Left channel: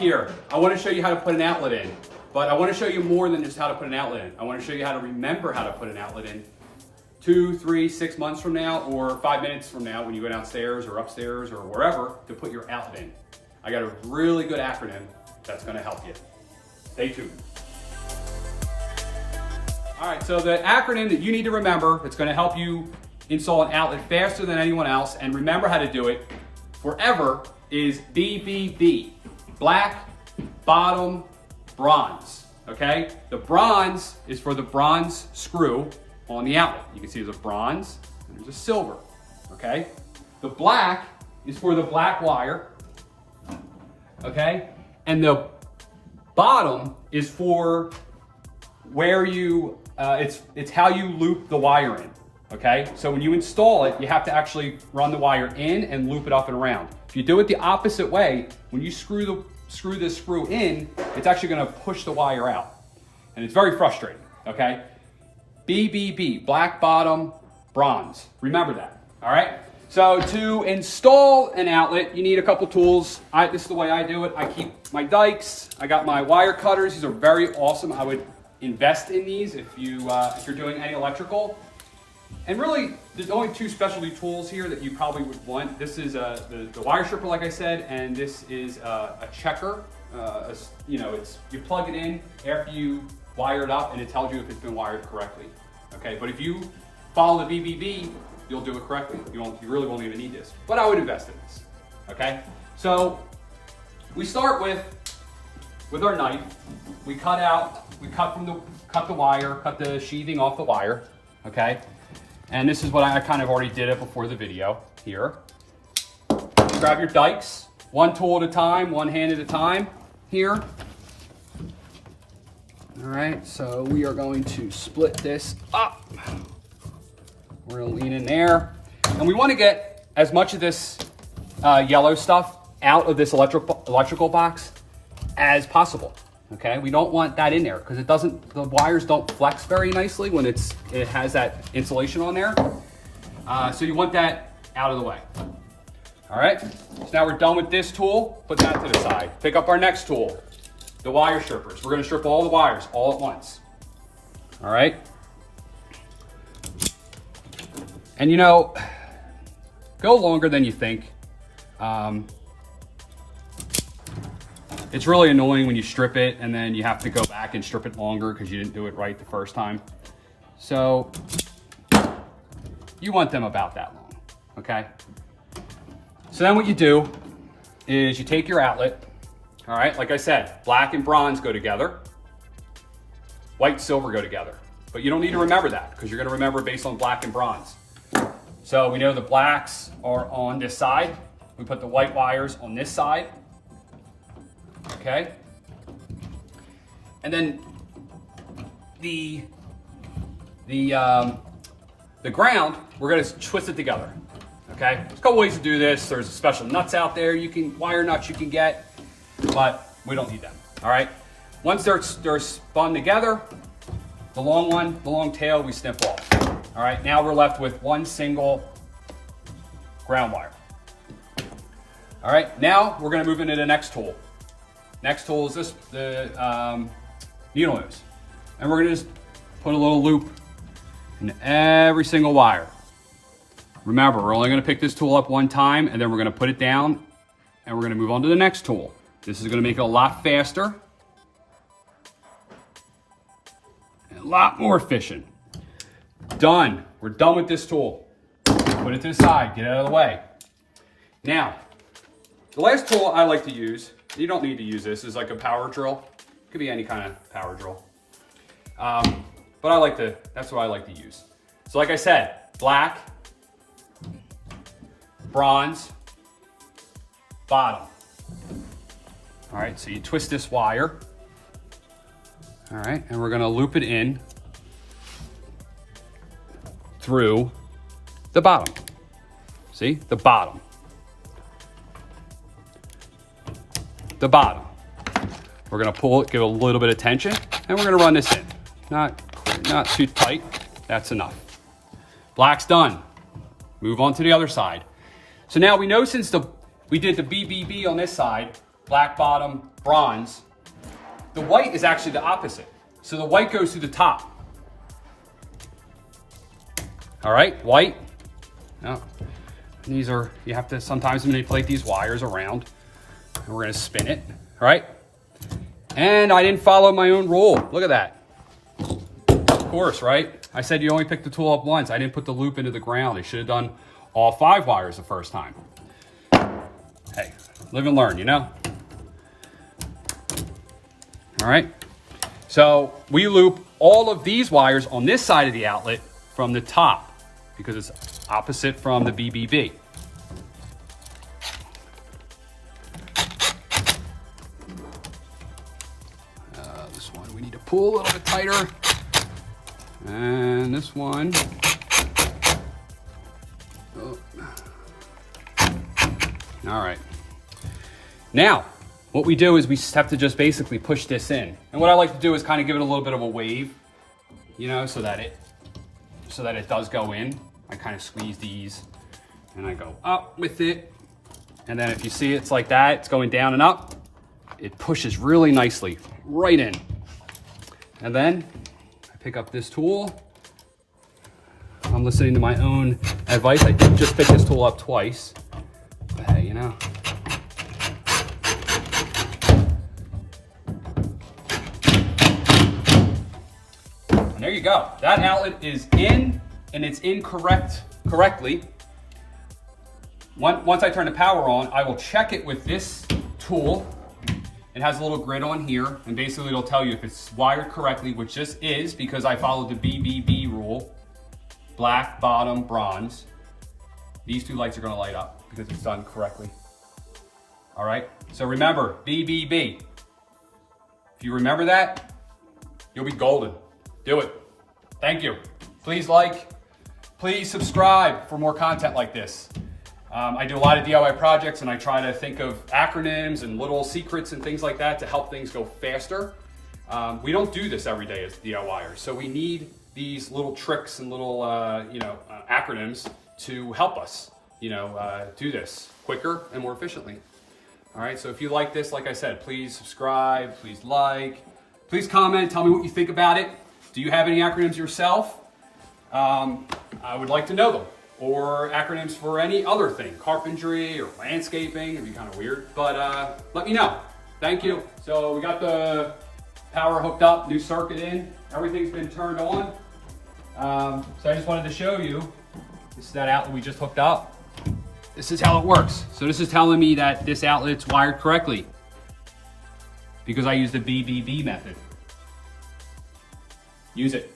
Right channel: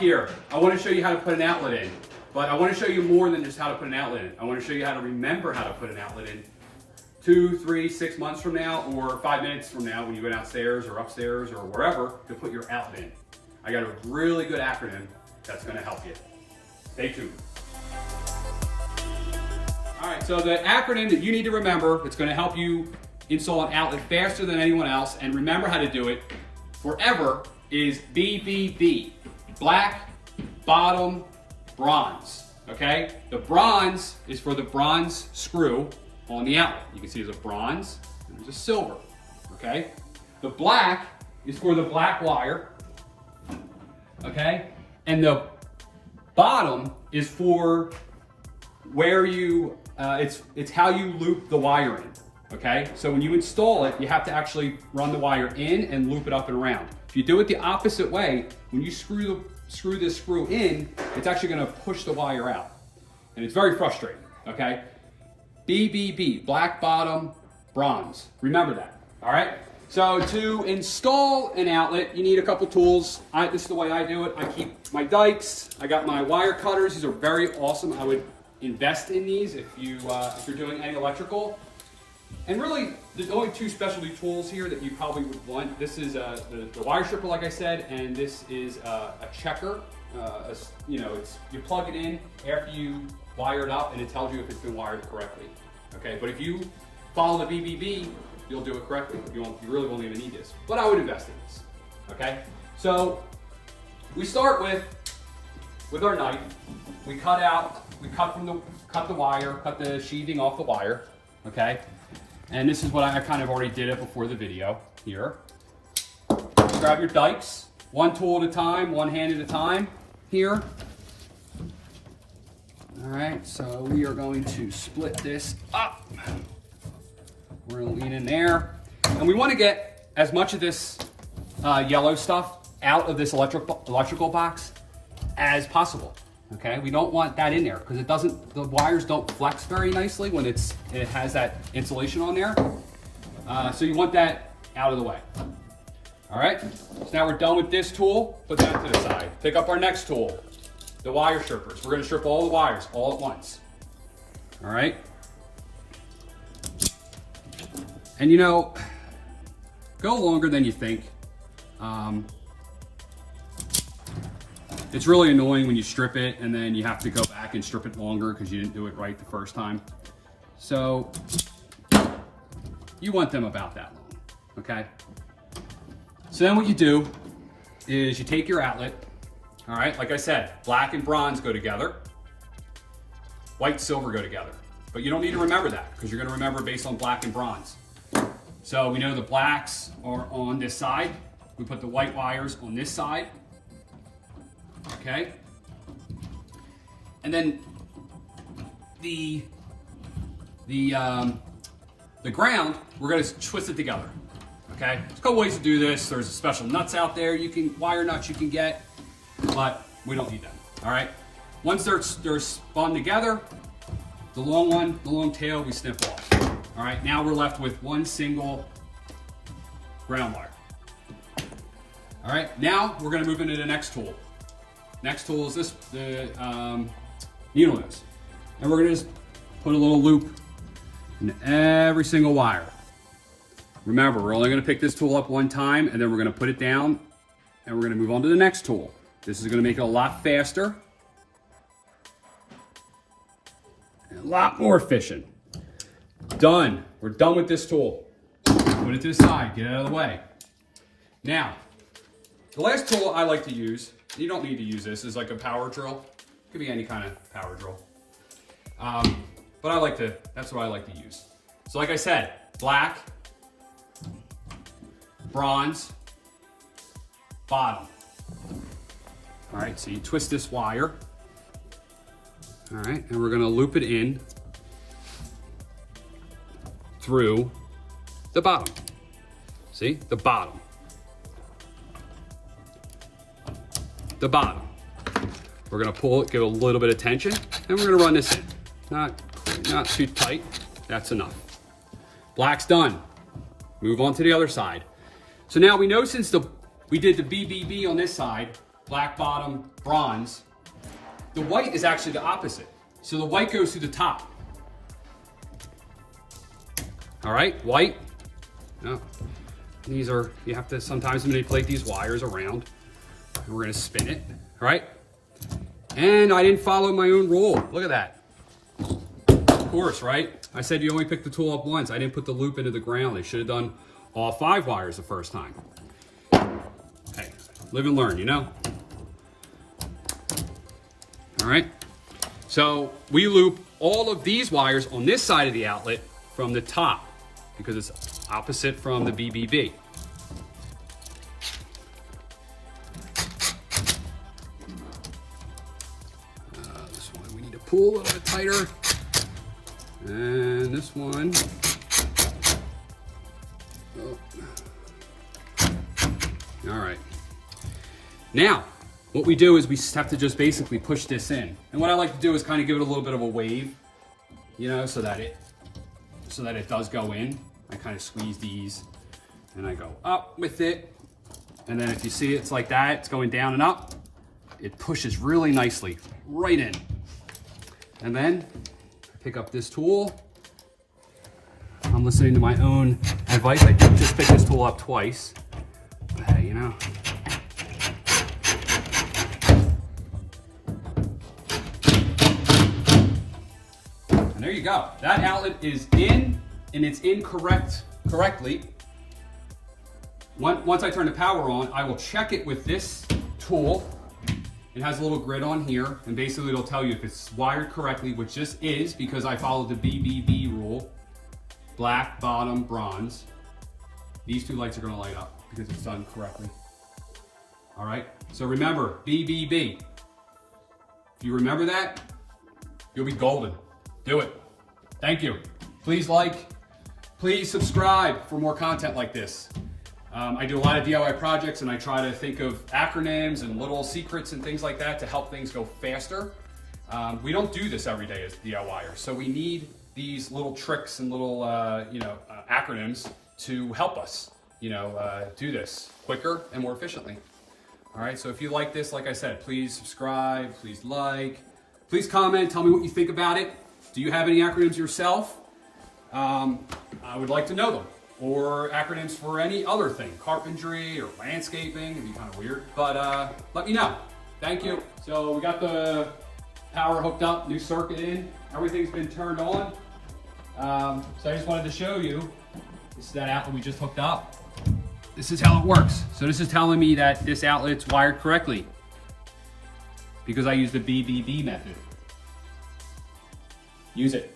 Here, I want to show you how to put an outlet in, but I want to show you more than just how to put an outlet in. I want to show you how to remember how to put an outlet in 2, 3, 6 months from now, or 5 minutes from now when you go downstairs or upstairs or wherever to put your outlet in. I got a really good acronym that's going to help you. Stay tuned. All right, so the acronym that you need to remember, it's going to help you install an outlet faster than anyone else, and remember how to do it forever, is BBB. Black, bottom, bronze, okay? The bronze is for the bronze screw on the outlet. You can see there's a bronze and there's a silver, okay? The black is for the black wire, okay? And the bottom is for where you, it's how you loop the wire in, okay? So when you install it, you have to actually run the wire in and loop it up and around. If you do it the opposite way, when you screw this screw in, it's actually gonna push the wire out. And it's very frustrating, okay? BBB, black bottom, bronze. Remember that, all right? So to install an outlet, you need a couple tools. This is the way I do it. I keep my dikes. I got my wire cutters. These are very awesome. I would invest in these if you're doing any electrical. And really, there's only 2 specialty tools here that you probably would want. This is the wire stripper, like I said, and this is a checker. You plug it in after you wire it up, and it tells you if it's been wired correctly. Okay, but if you follow the BBB, you'll do it correctly. You really won't even need this. But I would invest in this. Okay, so we start with our knife. We cut the wire, cut the sheathing off the wire. Okay. And this is what I kind of already did it before the video here. Grab your dikes, 1 tool at a time, 1 hand at a time here. All right, so we are going to split this up. We're gonna lean in there. And we wanna get as much of this yellow stuff out of this electrical box as possible. Okay, we don't want that in there because the wires don't flex very nicely when it has that insulation on there. So you want that out of the way. All right, so now we're done with this tool. Put that to the side. Pick up our next tool, the wire strippers. We're gonna strip all the wires all at once. All right. And go longer than you think. It's really annoying when you strip it and then you have to go back and strip it longer because you didn't do it right the first time. So you want them about that long, okay? So then what you do is you take your outlet, all right? Like I said, black and bronze go together. White and silver go together. But you don't need to remember that because you're gonna remember based on black and bronze. So we know the blacks are on this side. We put the white wires on this side. Okay, and then the ground, we're going to twist it together. Okay, there's a couple ways to do this. There's special nuts out there, wire nuts you can get, but we don't need them. All right, once they're spun together, the long tail we snip off. All right, now we're left with 1 single ground wire. All right, now we're going to move into the next tool. Next tool is the needle nose. And we're gonna just put a little loop in every single wire. Remember, we're only gonna pick this tool up 1 time and then we're gonna put it down and we're gonna move on to the next tool. This is gonna make it a lot faster, and a lot more efficient. Done, we're done with this tool. Put it to the side, get it out of the way. Now, the last tool I like to use, you don't need to use this, is like a power drill. It could be any kind of power drill. But that's what I like to use. So like I said, black, bronze, bottom. All right, so you twist this wire. All right, and we're gonna loop it in through the bottom. See, the bottom. The bottom. We're gonna pull it, give it a little bit of tension, and we're gonna run this in. Not too tight, that's enough. Black's done. Move on to the other side. So now we know since we did the BBB on this side, black bottom, bronze. The white is actually the opposite. So the white goes through the top. All right, white. Oh. These are, you have to sometimes manipulate these wires around. We're gonna spin it, all right? And I didn't follow my own rule. Look at that. Of course, right? I said you only pick the tool up once. I didn't put the loop into the ground. I should have done all 5 wires the first time. Hey, live and learn, you know? All right. So we loop all of these wires on this side of the outlet from the top because it's opposite from the BBB. This one we need to pull a little bit tighter. And this one. Oh. All right. Now, what we do is we have to just basically push this in. And what I like to do is kind of give it a little bit of a wave, you know, so that it does go in. I kind of squeeze these and I go up with it. And then if you see it's like that, it's going down and up, it pushes really nicely right in. And then I pick up this tool. I'm listening to my own advice. I did just pick this tool up twice. But hey, you know. And there you go. That outlet is in, and it's in correctly. Once I turn the power on, I will check it with this tool. It has a little grid on here, and basically it'll tell you if it's wired correctly, which this is because I followed the BBB rule. Black, bottom, bronze. These 2 lights are gonna light up because it's done correctly. All right, so remember, BBB. If you remember that, you'll be golden. Do it. Thank you. Please like, please subscribe for more content like this. I do a lot of DIY projects and I try to think of acronyms and little secrets and things like that to help things go faster. We don't do this every day as DIYers, so we need these little tricks and little acronyms to help us do this quicker and more efficiently. All right, so if you like this, like I said, please subscribe, please like, please comment, tell me what you think about it. Do you have any acronyms yourself? I would like to know them. Or acronyms for any other thing, carpentry or landscaping. It'd be kind of weird, but let me know. Thank you. So we got the power hooked up, new circuit in, everything's been turned on. So I just wanted to show you, this is that outlet we just hooked up. This is how it works. So this is telling me that this outlet's wired correctly because I used the BBB method. Use it.